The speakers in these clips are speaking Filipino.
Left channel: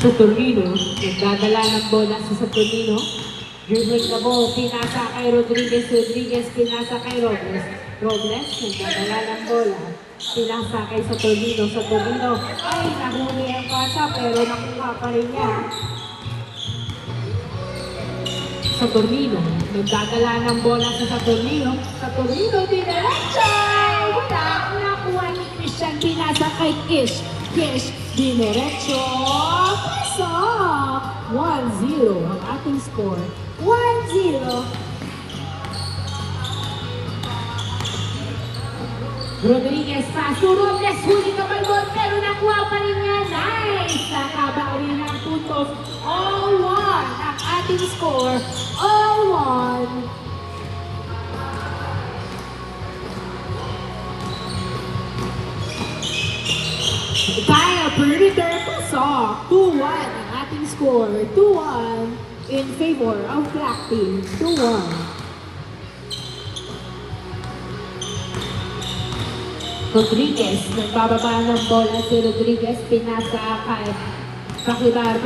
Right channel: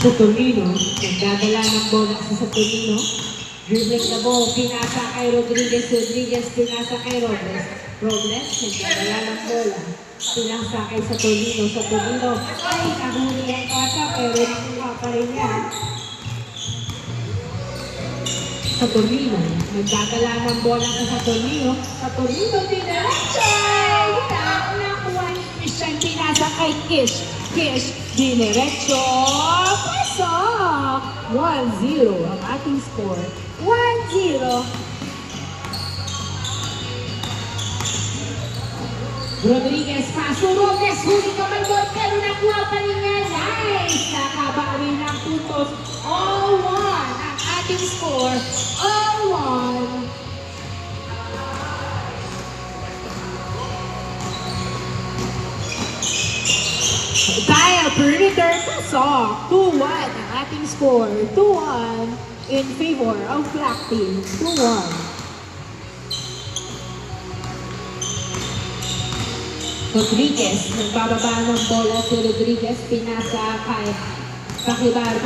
Saturnino, nagdadala ng bola sa Saturnino. Dribbling the ball, pinasa kay Rodriguez. Rodriguez, pinasa kay Robles. Robles, nagdadala ng bola. Pinasa kay Saturnino. Saturnino, ay, nahuli ang bata, pero nakuha pa rin niya. Saturnino, nagdadala ng bola sa Saturnino. Saturnino, dinerecha! Wala, nakuha ni Christian, pinasa kay Kish. Kish, dinerecho, pasok! 1-0 ang ating score. 1-0. Rodriguez, paso, Robles, huli ka may ball, pero nakuha pa rin niya. Nice! Nakabawi ng puntos. 0-1 ang ating score. 0-1. Kyle, perimeter, pasok. 2-1 ang ating score. 2-1 in favor of Black Team. 2-1. Rodriguez, nagbababa ng bola si Rodriguez, pinasa kay Paklibar,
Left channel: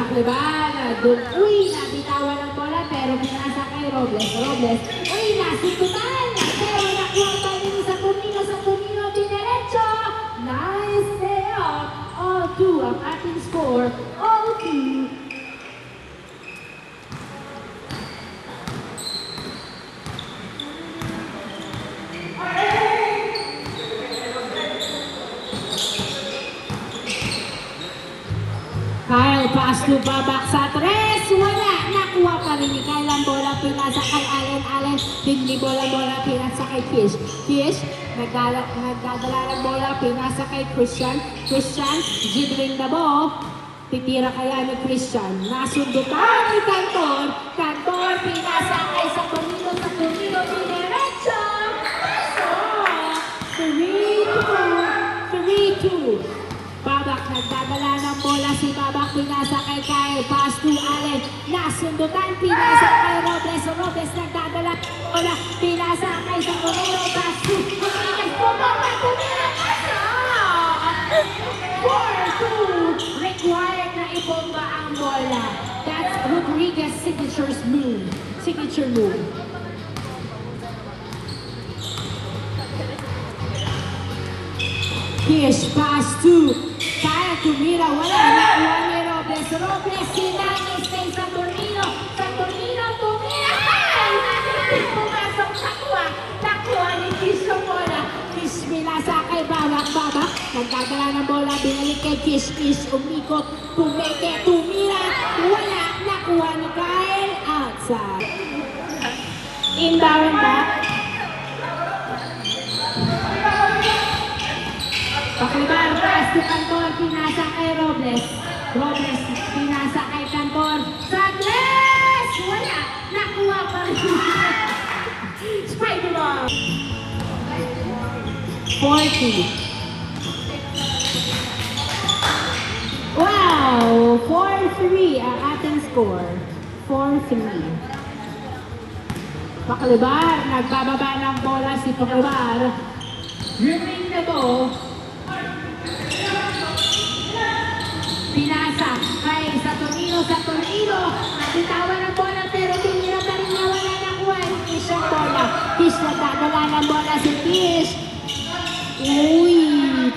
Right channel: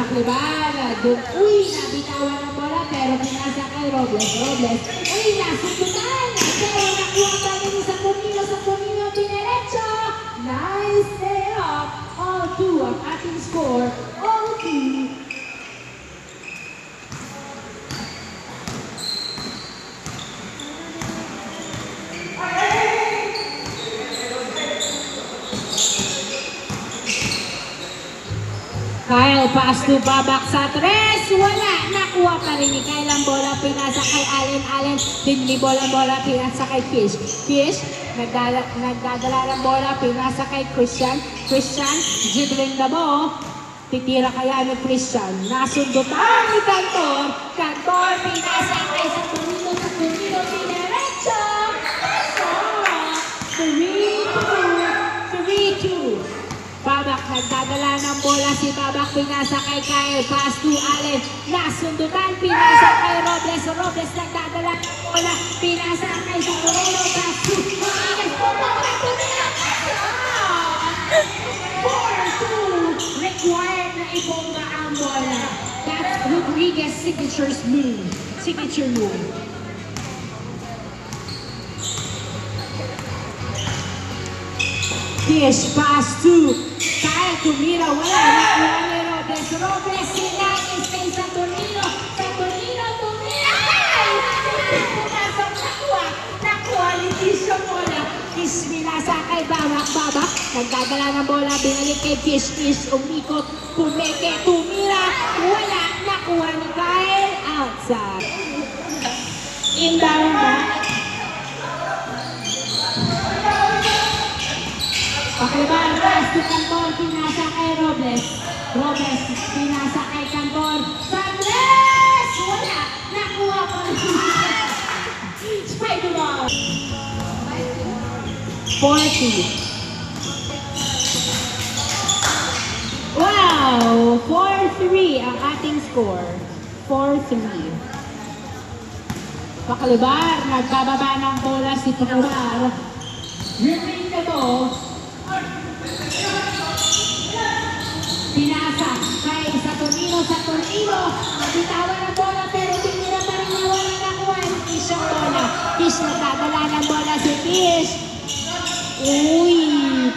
doon, nabitawan ng bola, pero pinasa kay Robles, nasubutan, pero nakuha pa rin sa Tumino, dinerecho, nice layout, 0-2 ang ating score, 0-2. Kyle, pass to Babak sa 3. Wala. Nakuha pa rin ni Kyle ang bola. Pinasa kay Allen. Hindi bola. Pinasa kay Kish. Nagdadala ng bola. Pinasa kay Christian. Dribbling the ball. Titira kaya ni Christian. Nasundutan ni Cantor. Pinasa kay Saturnino. Dinerecho. Pasok. 3-2. Babak, nagdadala ng bola si Babak, pinasa kay Kyle, pass to Allen, nasundutan, pinasa kay Robles, nagdadala ng bola, pinasa kay Saturnino, pass to Rodriguez, pasok! 4-2, required na ibomba ang bola. That's Rodriguez' signature move. Kish, pass to Kyle, tumira, wala na Robles, sinangis kay Saturnino, tumira, pumasok, nakuha ni Kish yung bola, Kish binasa kay Babak, nagdadala ng bola, binalik kay Kish, umikot, tumira, wala, nakuha ni Kyle, outside. Inbound back. Paklibar, pass to Cantor, pinasa kay Robles, pinasa kay Cantor, sa 3! Wala, nakuha pa rin. Spider-Ball. 40. Wow, 4-3 ang ating score. 4-3. Paklibar, nagbababa ng bola si Paklibar. Dribbling the ball. Pinasa kay Saturnino, nabitawan ng bola pero tumira pa rin na wala nakuha ni Kish ang bola. Kish, nagdadala ng bola si Kish.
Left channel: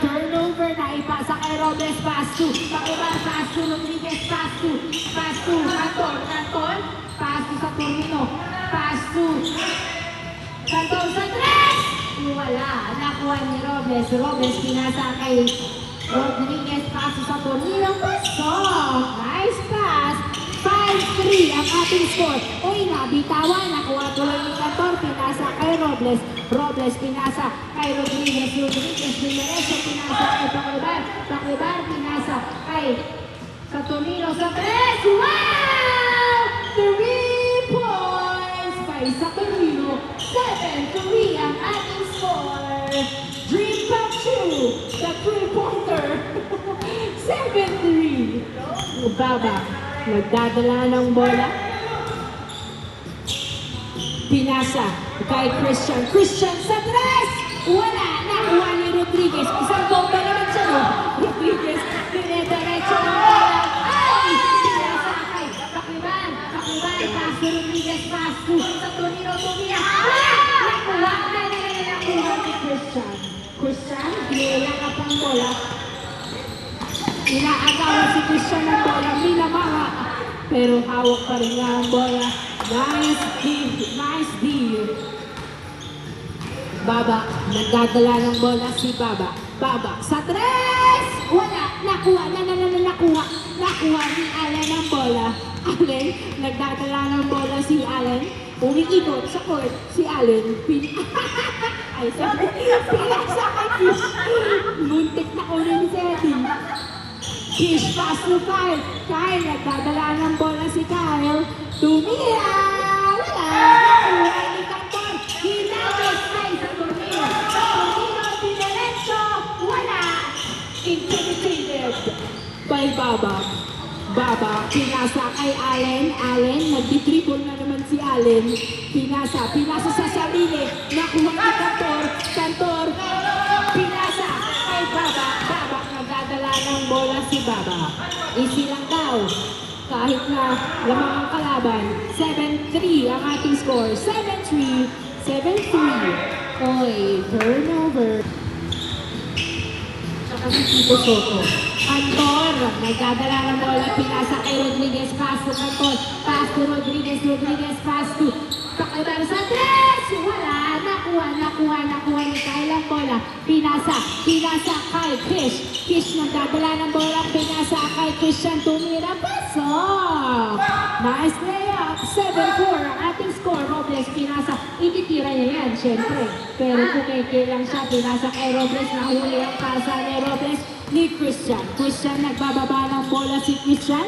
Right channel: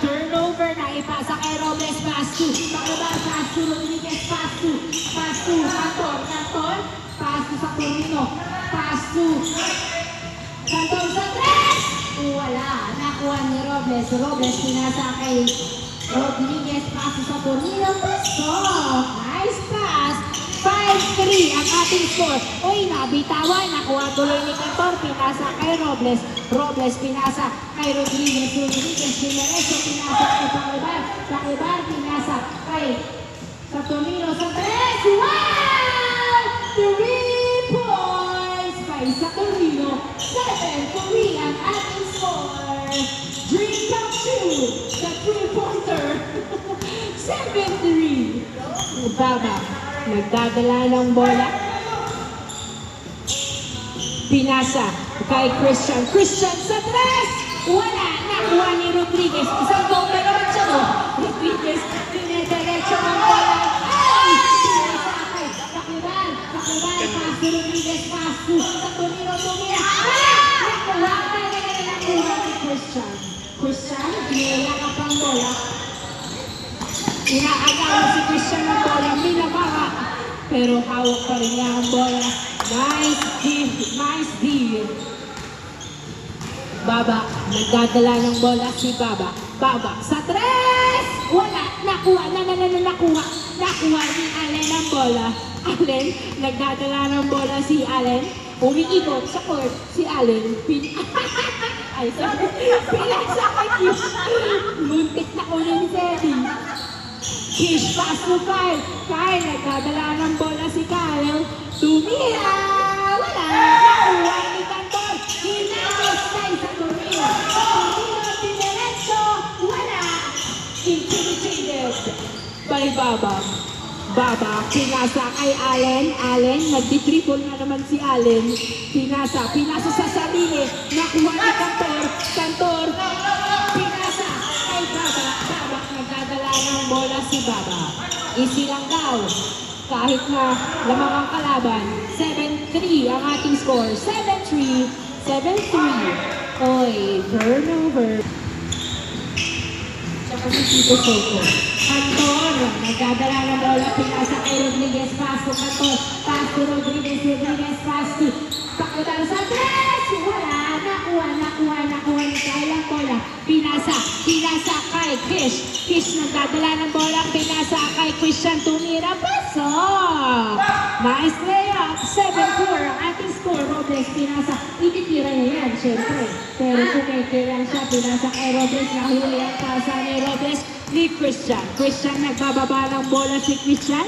Turnover na ipasa kay Robles, pass to Rodriguez, pass to Cantor, pass to Saturnino, pass to Cantor sa 3! Wala, nakuha ni Robles, pinasa kay Rodriguez, pass to Saturnino, pasok! Nice pass! 5-3 ang ating score. Nabitawan, nakuha tuloy ni Cantor, pinasa kay Robles, pinasa kay Rodriguez, dinerecho, pinasa kay Paklibar, pinasa kay Saturnino sa 3! Wow! 3 points by Saturnino, 7-3 ang ating score. Dream come true, the 3-pointer, 7-3. Babak, nagdadala ng bola. Pinasa kay Christian sa 3! Wala, nakuha ni Rodriguez. Isang bomba naman siya, no? Rodriguez, dinederecho ng bola. wala ka pang bola. Inaagaw si Christian ng bola, minamaka. Pero hawak pa rin niya ang bola. Nice deal. Baba, nagdadala ng bola si Baba. Baba, sa tres! Wala, nakuha ni Allen ang bola. Allen, nagdadala ng bola si Allen. Umiikot sa court si Allen. Ay, sorry. Pinasakay Kish. Muntik na una ni Teddy. Kish, pass to Kyle. Kyle, nagdadala ng bola si Kyle. Tumira! Wala! Nakuha ni Cantor. Hinagos kay sa Tornillo. Tornillo, dinerecho. Wala! Intimidated by Baba. Baba, pinasa kay Allen. Allen, nagdi-dribble na naman si Allen. Pinasa sa sarili. Nakuha ni Cantor. Cantor, pinasa kay Baba. Baba, nagdadala ng bola si Baba. Isilanggaw. Kahit na lamang ang kalaban. 7-3 ang ating score. 7-3. 7-3. Oy, turnover. So, kasi Tito Soto. Cantor, nagdadala ng bola, pinasa kay Rodriguez, pass to Cantor, pass to Rodriguez, pass to Pakadalo sa tres! Wala, nakuha ni Kyle ang bola, pinasa kay Kish, nagdadala ng bola, pinasa kay Christian, tumira, paso! Nice layup, 7-4 ang ating score, Robles, pinasa, ititira niya yan, syempre, pero kumikilang siya, pinasa kay Robles, nahuli ang pasa ni Robles, ni Christian. Christian, nagbababa ng bola si Christian.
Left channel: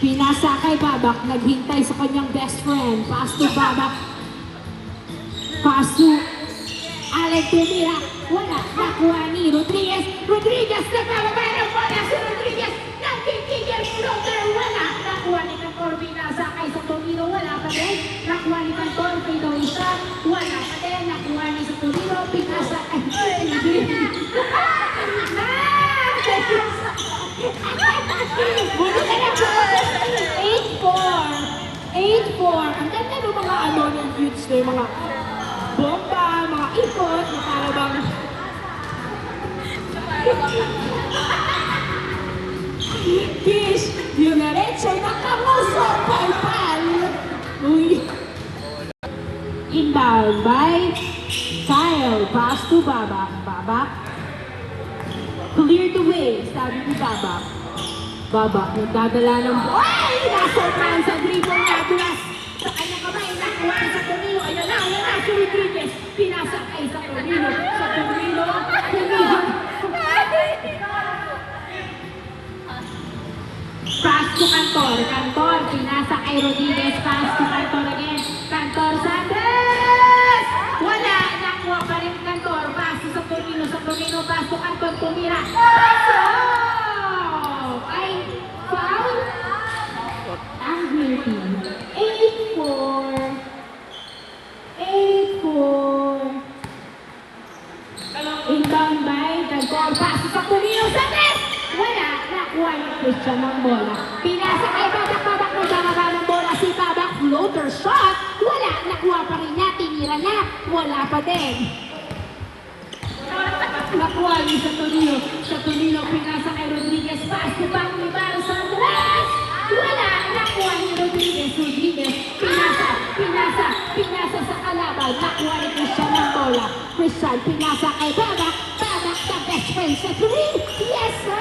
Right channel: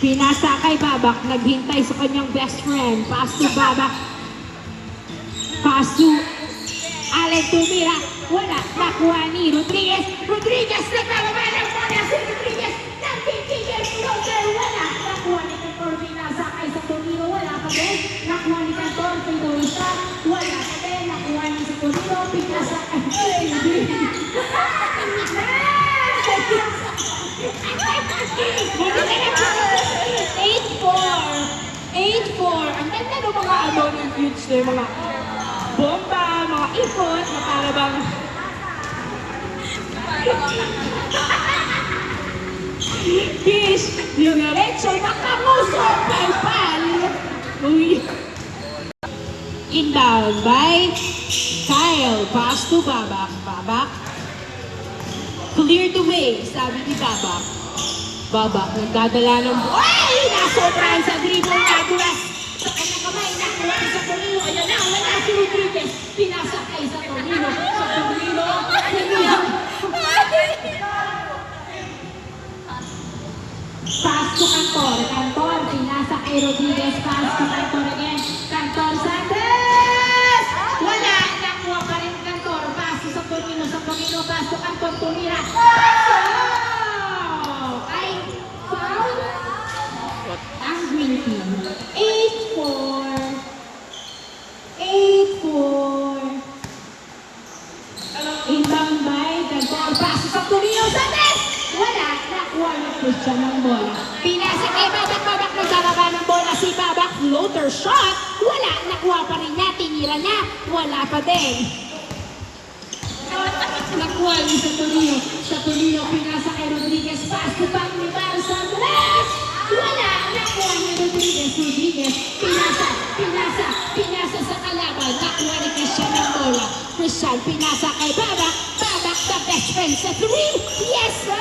Pinasa kay Babak, naghintay sa kanyang best friend. Pass to Babak. Pass to Allen, tumira. Wala, nakuha ni Rodriguez. Rodriguez, nagbababa ng bola si Rodriguez. Nagtitigil, floater, wala. Nakuha ni Cantor, pinasa kay sa Tornillo. Wala pa din. Nakuha ni Cantor, fadeaway shot. Wala pa din. Nakuha ni sa Tornillo, pinasa kay Buti na lang po. 8-4. Ang ganda ng mga ng future, mga bomba, mga ipot, na para bang Kish, yung derecho, nakamusok, pal. Uy. Inbound by Kyle. Pass to Babak. Babak. Clear the way, sabi ni Babak. Babak, nagdadala ng ay! Nasobrang sa dribble na duwas. Sa kanyang kamay, nakuha sa Tornillo. Wala si Rodriguez. Pinasa kay sa Tornillo. Sa Tornillo. Pass to Cantor. Cantor, pinasa kay Rodriguez. Pass to Cantor again. Cantor, Sandes! Wala, nakuha pa rin Cantor. Pass to sa Tornillo. Sa Tornillo, pass to Cantor. Tumira. Ay, foul. Ang green team. 8-4. Inbound by Cantor. Pass sa Tornillo. Sandes! Wala, nakuha ng Christian ng bola. Pinasa kay Babak. Babak, nagbababa ng bola si Babak. Floater shot. Wala, nakuha pa rin niya. Tinira niya. Wala pa din. Nakuha niya sa Tornillo. Sa Tornillo, pinasa kay Rodriguez. Pass to back ni Barros Andres. Wala, nakuha ni Rodriguez. Pinasa sa kalaban. Nakuha ni Christian ng bola. Christian, pinasa kay Babak. Babak, the best friend sa 3. Yes, sir!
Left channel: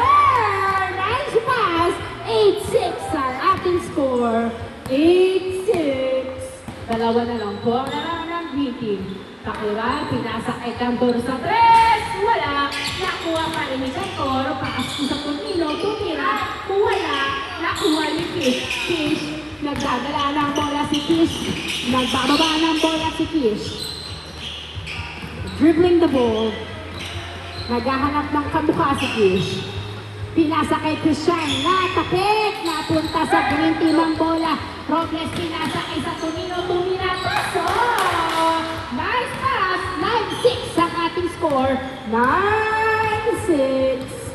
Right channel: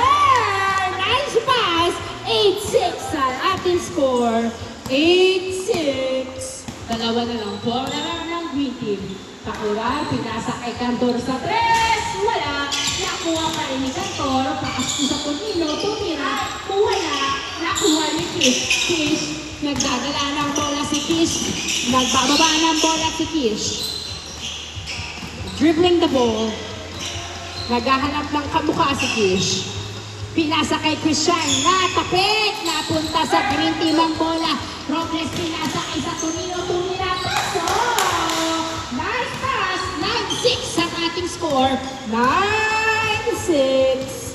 Nice pass. 8-6 ang ating score. 8-6. Dalawa na lang po ang larang ng green team. Pakiwal, pinasa kay Cantor sa 3. Wala. Nakuha pa rin ni Cantor. Paas ko sa Tornillo. Tumira. Wala. Nakuha ni Kish. Nagdadala ng bola si Kish. Nagbababa ng bola si Kish. Dribbling the ball. Naghahanap ng kamukha si Kish. Pinasa kay Christian. Natapik. Napunta sa green team ang bola. Robles pinasa kay sa Tornillo. Tumira. Paso. Nice pass. 9-6 ang ating score. 9-6.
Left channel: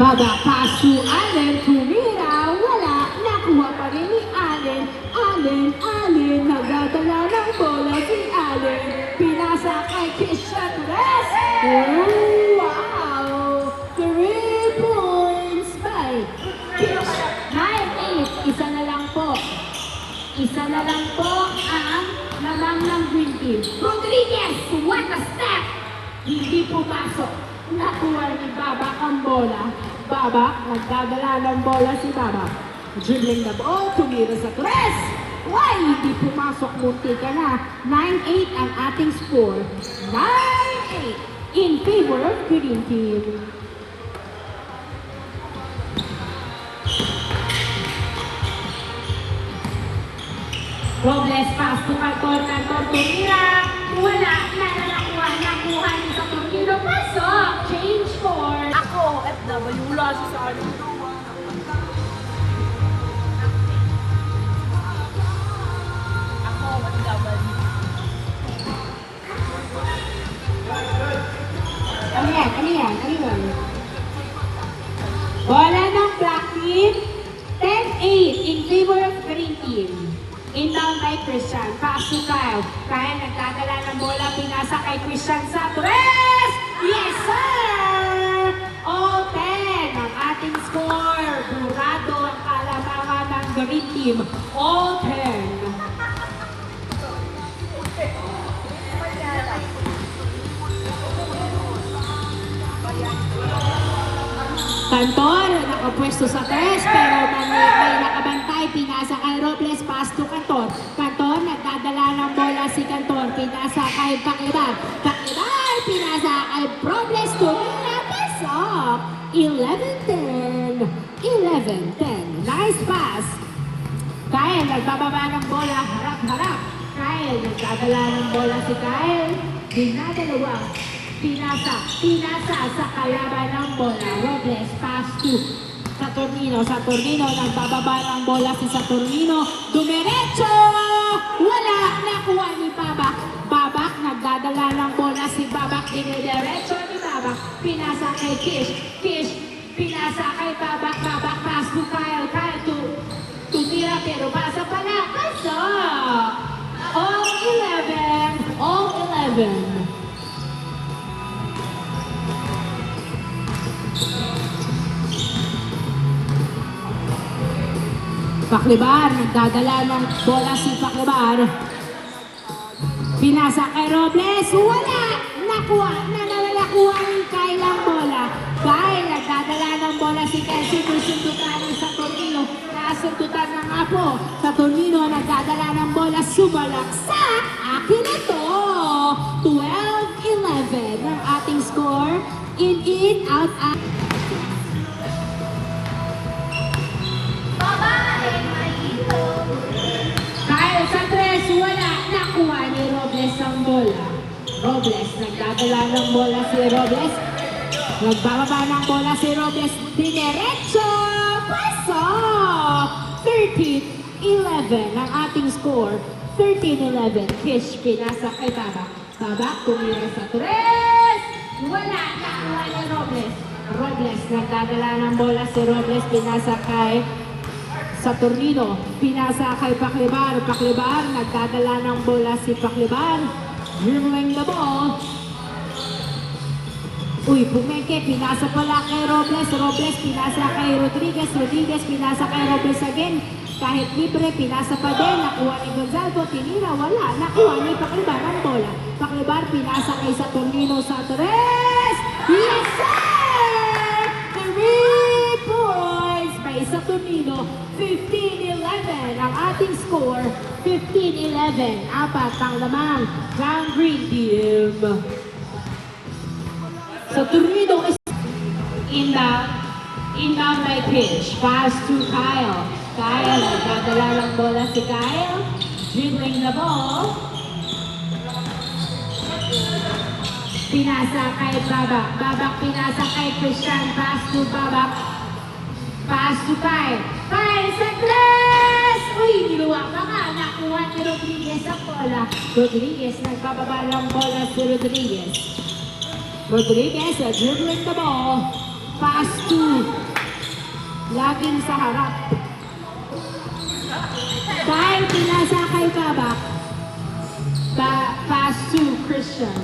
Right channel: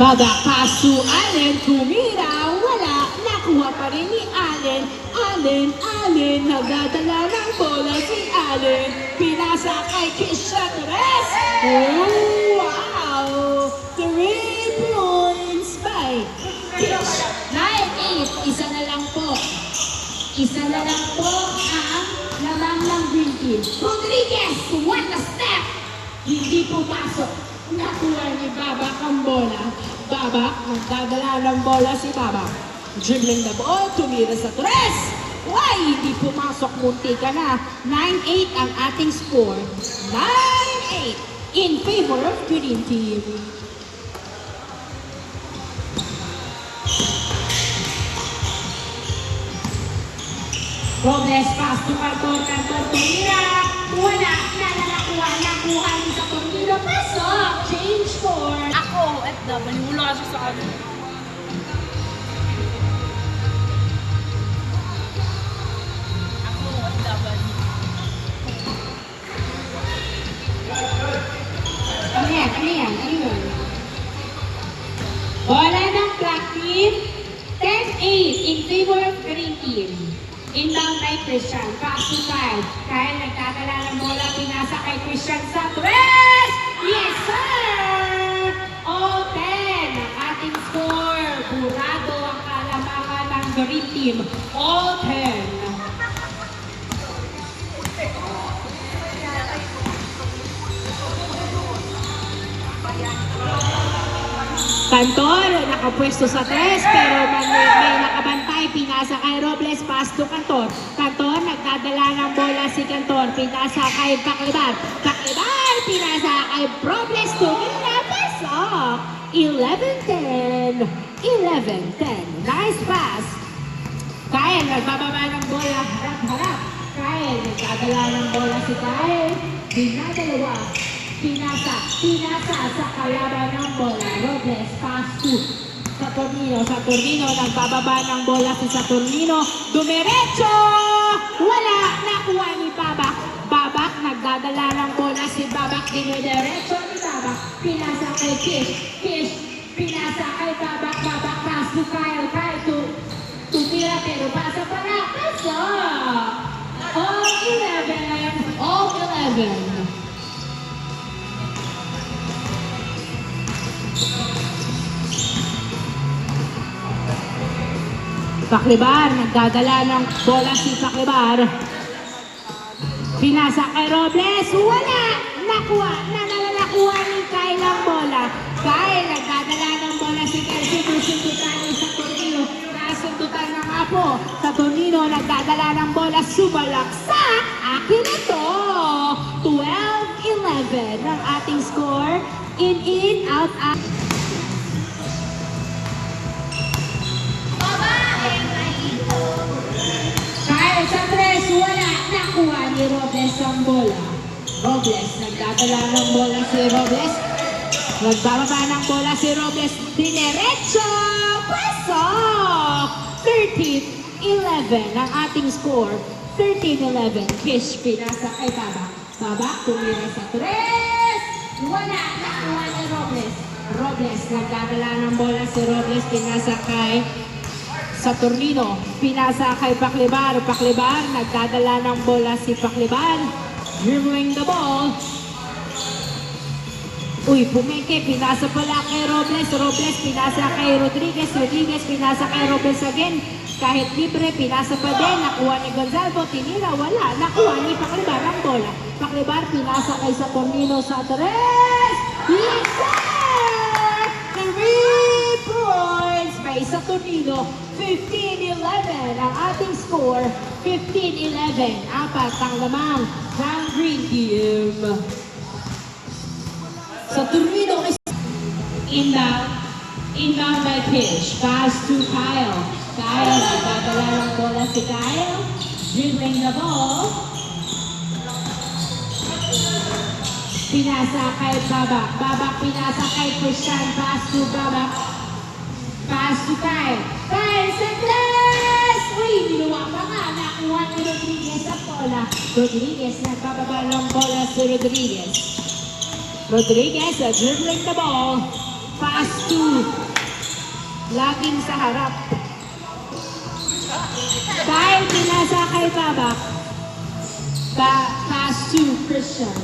Babak. Baba, pass to Allen, tumira, wala, nakuha pa rin ni Allen. Allen, nagdadala ng bola si Allen. Pinasa kay Christian Torres. Oh, wow! 3 points by Kish. 9-8, isa na lang po. Isa na lang po ang lamang ng Green Team. Rodriguez, what a step! Hindi pumasok. Nakuha ni Babak ang bola. Babak, nagdadala ng bola si Babak. Dribbling the ball, tumira sa Torres. Why? Hindi pumasok, munti ka na. 9-8 ang ating score. 9-8 in favor of Green Team. Robles, pass to Cantor, tumira. Wala, nakuha ni sa tornado. Pasok, change for. Ako, FW, wala siya sa akin. Ako, FW. Ano yan? Bola ng Black Team. 10-8 in favor of Green Team. Inbound kay Christian. Pass to Kyle. Kyle nagdadala ng bola. Pinasa kay Christian sa Torres! Yes, sir! All 10 ang ating score. Burado ang kalamangan ng Green Team. All 10. Cantor, nakapwesto sa tres, pero may nakabantay. Pinasa kay Robles, pass to Cantor. Cantor, nagdadala ng bola si Cantor. Pinasa kay Paclibar. Paclibar, pinasa kay Robles. Tumira, pasok. 11-10. 11-10. Nice pass. Kyle, nagbababa ng bola. Harap. Kyle, nagdadala ng bola si Kyle. Dinadalawa. Pinasa sa kalaban ng bola. Robles, pass to Saturnino. Nagbababa ng bola si Saturnino. Dumiretso! Wala! Nakuha ni Babak. Babak, nagdadala ng bola si Babak. Dinidiretso ni Babak. Pinasa kay Kish. Pinasa kay Babak. Babak, pass to Kyle. Tumira pero pasa pa na. Pasok! All 11. Paclibar, nagdadala ng bola si Paclibar. Pinasa kay Robles, wala! Nakuha ni Kyle ng bola. Kyle, nagdadala ng bola si Kyle. Sinusundutan ni Saturnino. Kasundutan ng apo. Saturnino, nagdadala ng bola. Sumalaksak! Akin ito! 12-11 ang ating score. In, out. Kyle sa tres, wala. Nakuha ni Robles ang bola. Robles, nagdadala ng bola si Robles. Nagbababa ng bola si Robles. Dinerecho! Pasok! 13-11 ang ating score. 13-11. Kish, pinasa kay Babak. Babak, tumira sa tres. Wala. Nakuha ni Robles. Robles, nagdadala ng bola si Robles. Pinasa kay Saturnino, pinasa kay Paclibar. Paclibar, nagdadala ng bola si Paclibar. Dribbling the ball. Pumeke, pinasa pala kay Robles. Robles, pinasa kay Rodriguez. Rodriguez, pinasa kay Robles again. Kahit libre, pinasa pa din. Nakuha ni Gonzalo, tinira, wala. Nakuha ni Paclibar ang bola. Paclibar, pinasa kay Saturnino sa tres. Yes, sir! 3 points by Saturnino. 15-11 ang ating score. 15-11. Apat ang lamang ng Green Team. Saturnino is inbound by pitch. Pass to Kyle. Kyle, nagdadala ng bola si Kyle. Dribbling the ball. Pinasa kay Babak. Babak pinasa kay Christian. Pass to Babak. Pass to Kyle. Kyle sa tres! Niluwak na nga. Nakuha ni Rodriguez ang bola. Rodriguez, nagbababa ng bola si Rodriguez. Rodriguez, dribbling the ball. Pass to harap. Dahil pinasa kay Babak. Pass to Christian.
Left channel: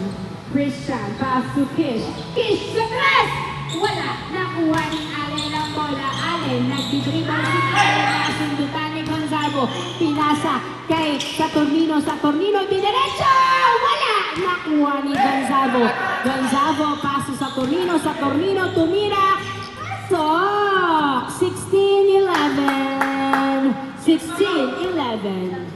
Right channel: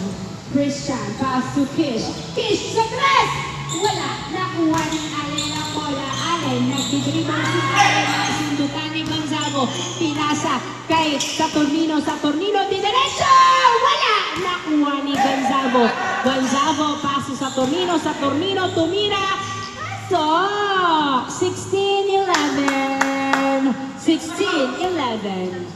Christian, pass to Kish. Kish sa press! Wala. Nakuha ni Allen ang bola. Allen, nagdidribble si Allen. Nasundutan ni Gonzalo. Pinasa kay Saturnino. Saturnino, dinerecho! Wala. Nakuha ni Gonzalo. Gonzalo, pass to Saturnino. Saturnino, tumira. So, 16-11. 16-11.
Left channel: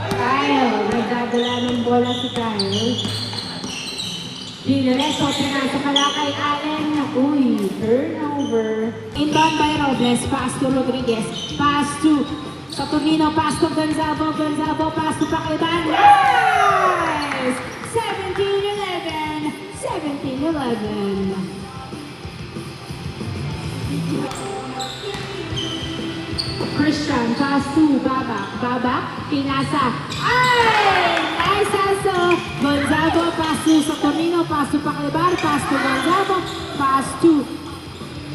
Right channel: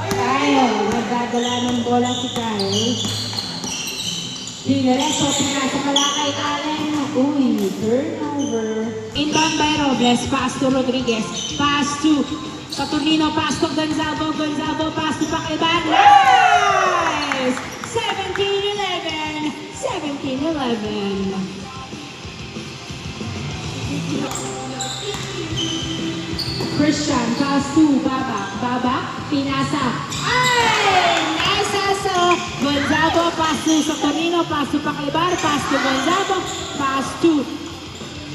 Kyle, nagdadala ng bola si Kyle. Dinerecho, pinasa pala kay Allen. Uy, turnover. Inbound by Robles, pass to Rodriguez. Pass to Saturnino, pass to Gonzalo. Gonzalo, pass to Pakiban. Nice! 17-11. 17-11. Christian, pass to Babak. Babak, pinasa. Ay! Nice also. Gonzalo, pass to Saturnino, pass to Paklibar, pass to Gonzalo, pass to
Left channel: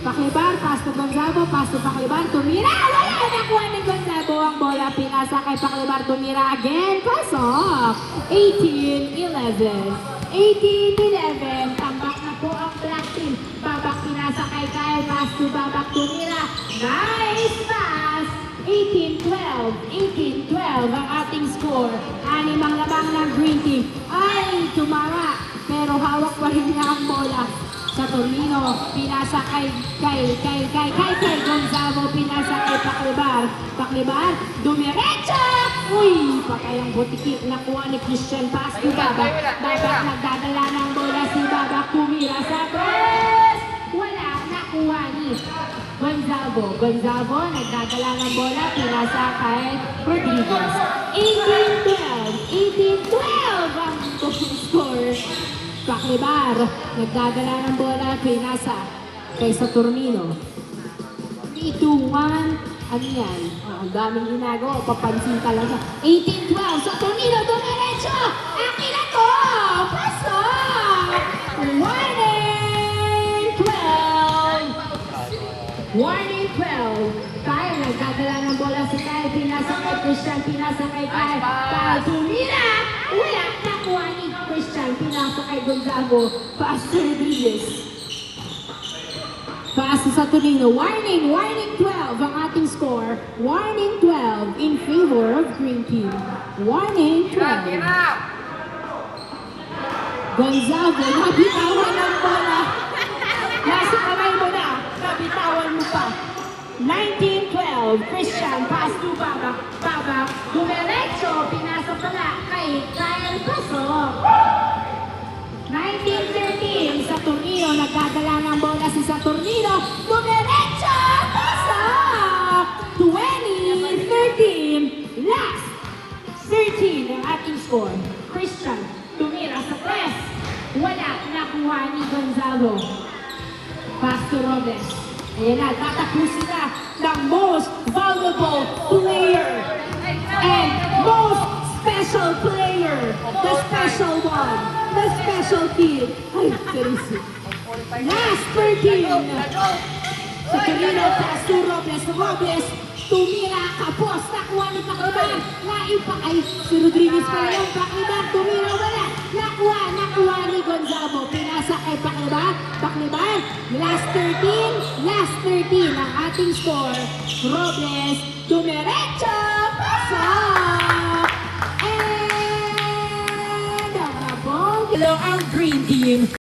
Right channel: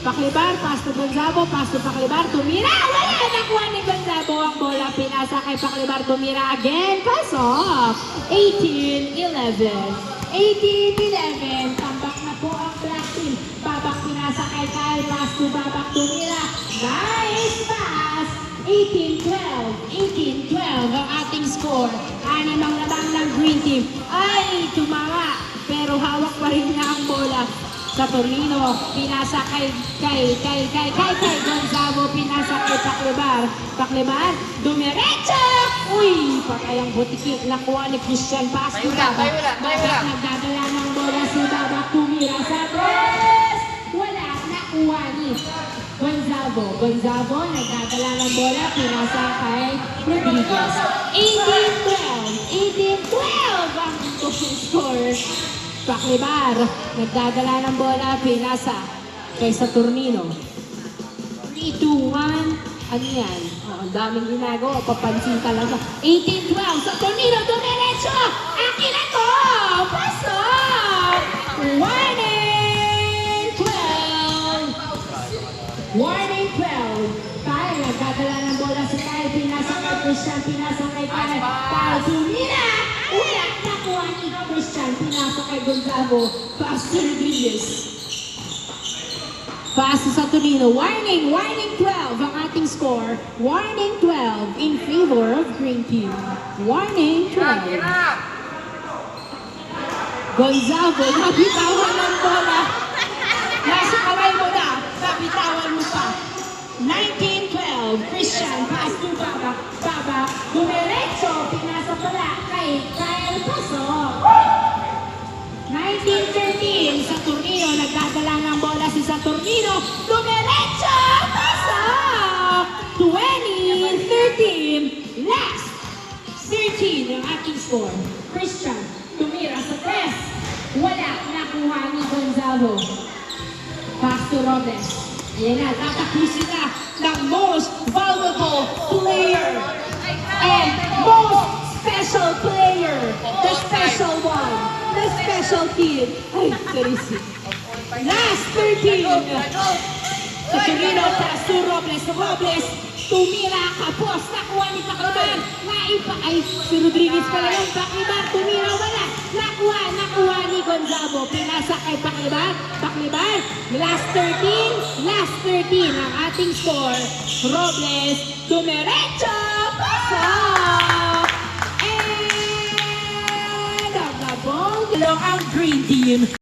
Paklibar, pass to Gonzalo, pass to Paklibar, tumira. Wala! Nakuha ni Gonzalo ang bola. Pinasa kay Paklibar, tumira again. Pass off. 18-11. 18-11. Tambak na po ang black team. Babak, pinasa kay Kyle, pass to Babak, tumira. Nice pass! 18-12. 18-12 ang ating score. Anim ang labang ng green team. Ay, tumara. Pero hawak pa rin niya ang bola. Saturnino, pinasa kay Gonzalo, pinasa kay Paklibar. Paklibar, dumiretso! Uy, patay ang butiki. Nakuha ni Christian, pass to Babak. Babak, nagdadala ng bola si Babak, tumira sa press! Wala, nakuha ni Gonzalo. Gonzalo, nagdadala ng bola, pinasa kay Rodriguez. 18-12. 18-12 ang total score. Paklibar, nagdadala ng bola, pinasa kay Saturnino. 3-2-1. Ano yan? Ang daming ginagawa, papansin talaga. 18-12, Saturnino, dumiretso! Akin na to! Pasok! Warning! 12! Warning 12. Kyle, nagdadala ng bola si Kyle. Pinasa kay Christian. Pinasa kay Kyle. Kyle, tumira. Wala. Nakuha ni Christian. Pinasa kay Gonzalo. Pass to Rodriguez. Pass to Saturnino. Warning. Warning 12 ang ating score. Warning 12 in favor of Green Team. Warning 12. Gonzalo, nabitawan ng bola. Nasa kaway mo na. Nabitawan mo pa. 19-12. Christian, pass to Babak. Babak, dumiretso. Pinasa pala kay Kyle, pasok. 19-13. Saturnino, nagdadala ng bola si Saturnino. Dumiretso. Pasok. 20-13. Last. 13 ang ating score. Christian, tumira sa press. Wala. Nakuha ni Gonzalo. Pass to Robles. Ayan na, tatapusin na ng most valuable player and most special player. The special one. The special team. Ay, Teresi. Last 13. Saturnino, pass to Robles. Robles, tumira, kapos. Nakuha ni Paklibar. Ay, si Rodriguez pala yung Paklibar. Tumira, wala. Nakuha ni Gonzalo. Pinasa kay Paklibar. Paklibar, last 13 ang ating score. Robles, dumiretso, pasok! And ang nabong ang Green Team.